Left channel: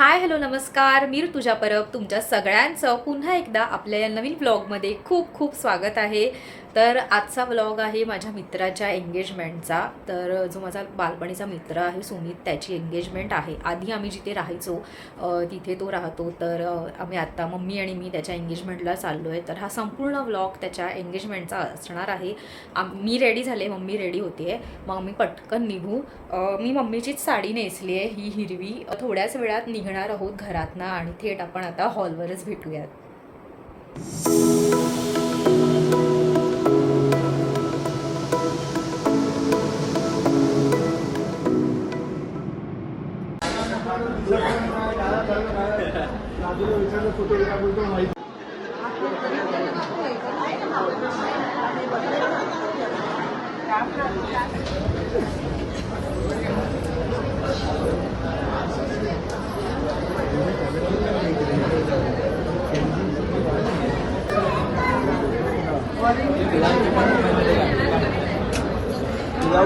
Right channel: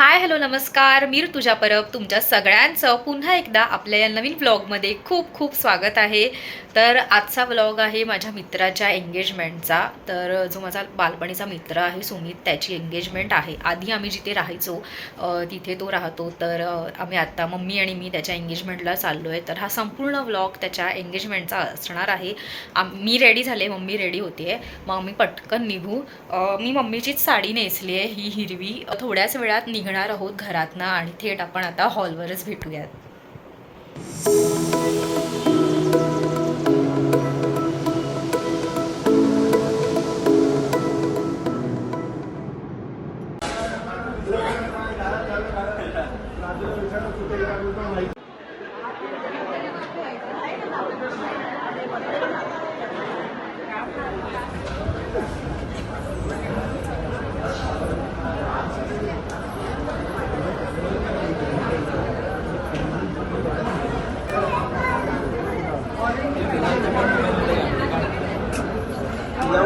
Hi hello नमस्कार, मी ऋतुजा परब तुमच्या सगळ्यांचं पुन्हा एकदा आपल्या या नवीन व्लॉगमध्ये खूप खूप स्वागत आहे. तर आजचा व्लॉग आहे माझ्या मित्राच्या एंगेजमेंटचा. तर जो माझा बालपणीचा मित्र आहे सुमित, त्याची एंगेजमेंट आहे. आधी आम्ही जिथे राहायचो तिथे तो राहतो. तर आम्ही आत्ता मम्मी आणि मी त्याच्या एंगेजमेंटला चाललो आहे. तर हा संपूर्ण व्लॉग त्याच्या एंगेजमेंटचा असणार आहे. मी रेडी झाले, मम्मी रेडी होते आहे, मग आम्ही पटकन निघू. मी मम्मीचीच साडी नेसली आहे, ही हिरवी. थोड्याच वेळात निघणार आहोत घरातनं आणि थेट आपण आता हॉलवरच भेटूयात.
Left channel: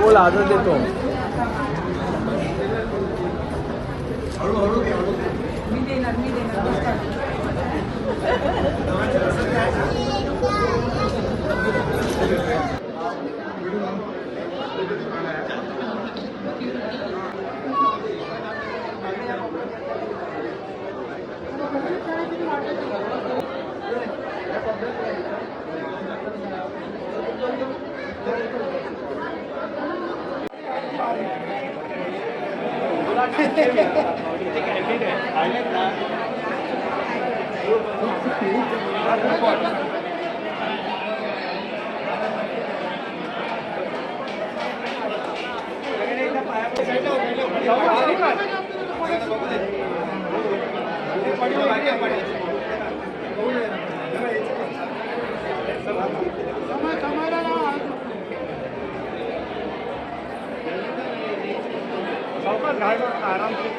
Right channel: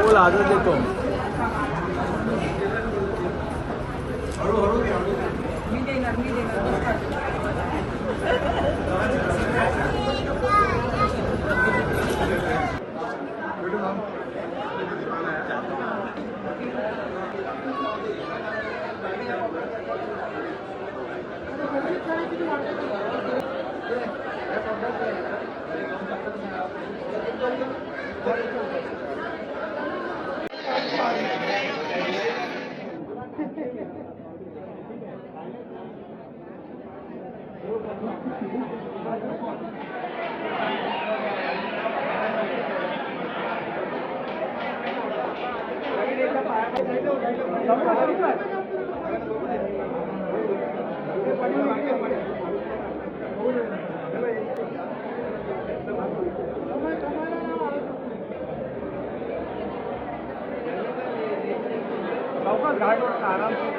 बोल आदर देतो. आराम से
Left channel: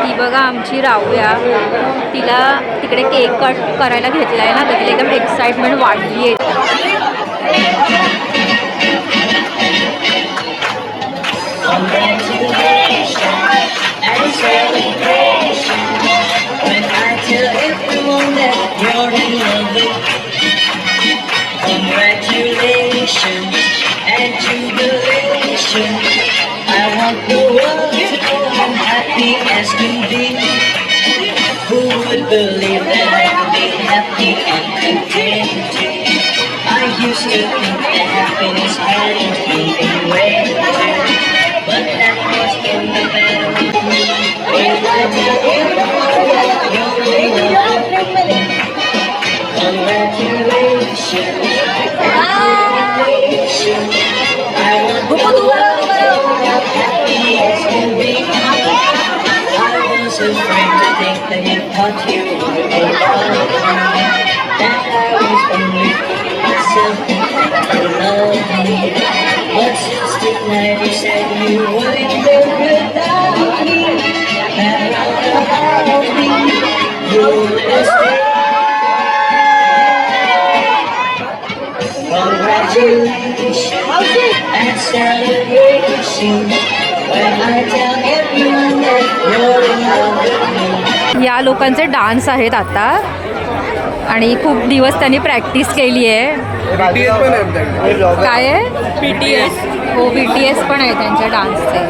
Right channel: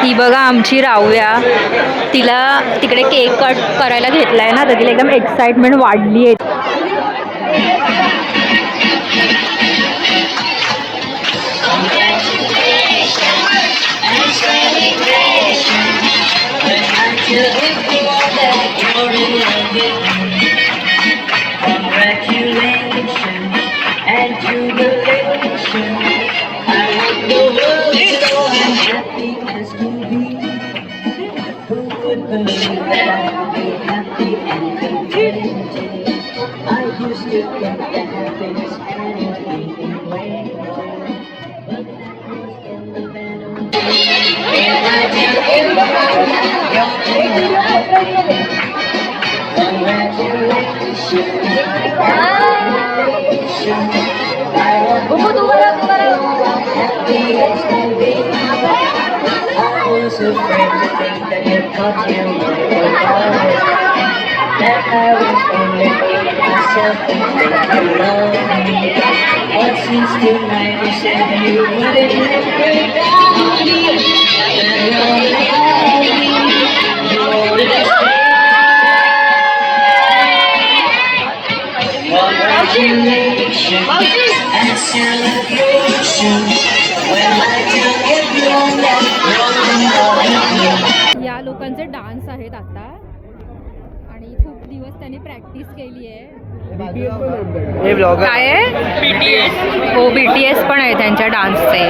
ही बघा आमची राऊया, तिला तिकडे केक कट करायला घेतलाय ना, तर तिला एकदम एक्साइटमेंट वाढली आहे. Who would believe that I could be happy and content? I used to think that happiness hadn't been way, but that was in the better with me. When I tell you, congratulations, I want to happy as can be. Afraid to think that if what you were that I was only fooling myself and thinking love me. But since tonight you said you wouldn't live without me, that love me, you're just congratulations and celebrations. When I tell everyone that you're in love with me. या लोकांचे dance आहेत आता आणि खूप दिवस त्यांनी practice केली आहे. काय आहे? BTS. हो, BTS पण आहे त्यांच्या डान्सचे.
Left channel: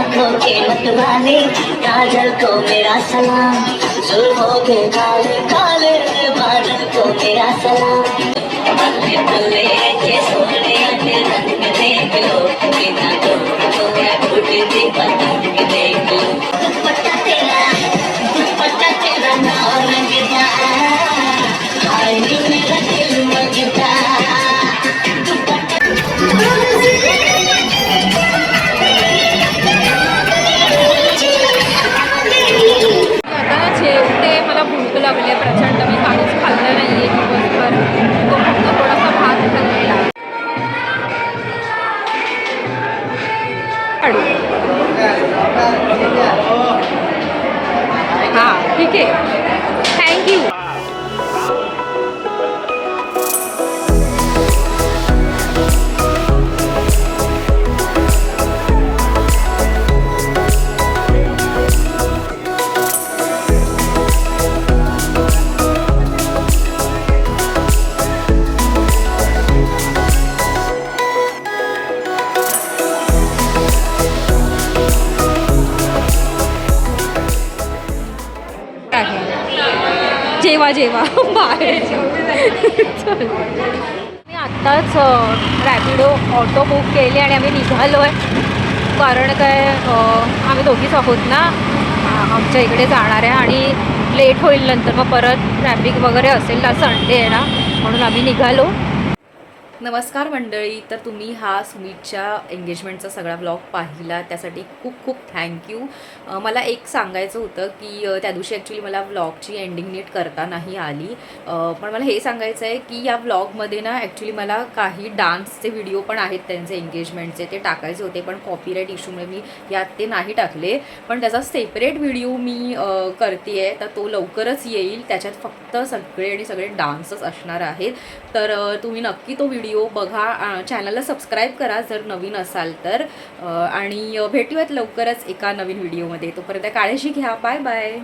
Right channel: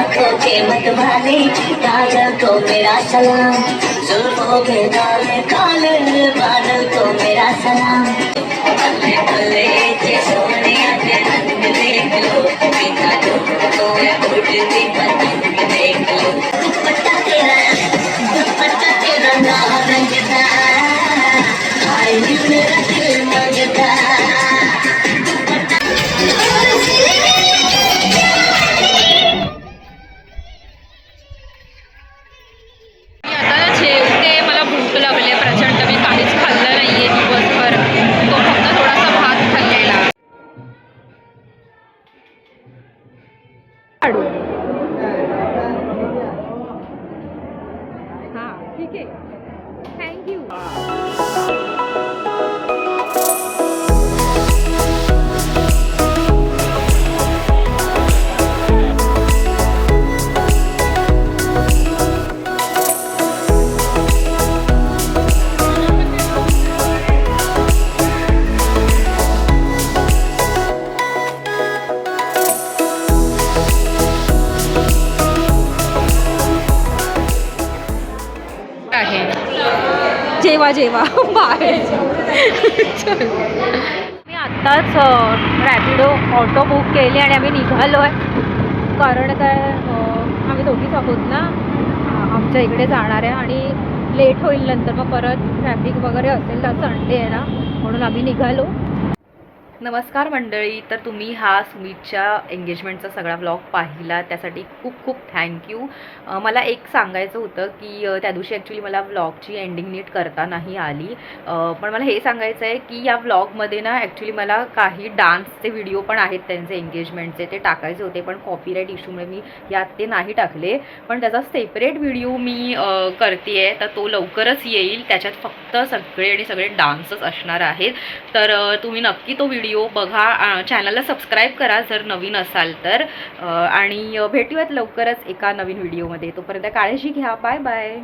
आंखों के मतवाले काजल को मेरा सलाम, जुल्फों के काले काले बादल को मेरा सलाम. बल्ले बल्ले जे सोनिया ने रंग देख लो, बिना डूब को उड़ती पतंग देख लो. दुपट्टा तेरा रंगदा, हाय नी मेरा दिल मजदा. लागले प्रचंड. मी काहीच खाल्लं नाहीये दिवसभर, तो फक्त थोडासा भात खाल्लेला. हां ठीक आहे, थँक्यू. जेवा जेवा बाहेर. मी आत्ताच रॅपिडो ऑटो बुक केली आणि आम्ही निघालो आहे. कारण काय, आम्ही दोघीच आहोत ना, आमच्या इकडे जाणार आहे आणि लेट होईल नंतर, मग परत ट्रॅफिक वगैरे असेल ना, संडे आहे ना, म्हणून आम्ही निघालो. नमस्कार मंडळी, तर तुम्ही हा सुमितच्या एंगेजमेंटचा सगळा व्लॉग पाहिला त्यासाठी खूप खूप थँक्यू. मला एक सांगायचं होतं की त्या दिवशी ॲक्च्युली मला व्लॉगची एंडिंग नीट करता नाही आली, पण मला हे सांगायचं आहे की या व्लॉगमध्ये ना ॲक्च्युली मला काही डान्सचे व्हिडिओ पण आहेत त्यांचे एंगेजमेंटचे, ते टाकायचे होते पण कॉपीराईट इश्यूमुळे मी यात ते नाही टाकले. पण त्याचा सेपरेट व्हिडिओ मी करते आहे, तर तो लवकरच येईल. त्याच्यात फक्त सगळे डान्सच असणार आहेत, तर तुम्ही नक्की तो व्हिडिओ व्हिडिओ बघा, चॅनलला सबस्क्राईब करा जर नवीन असाल तर, आणि भेटूयात लवकरच एका नवीन व्हिडिओमध्ये. तोपर्यंत काळजी घ्या. Bye bye.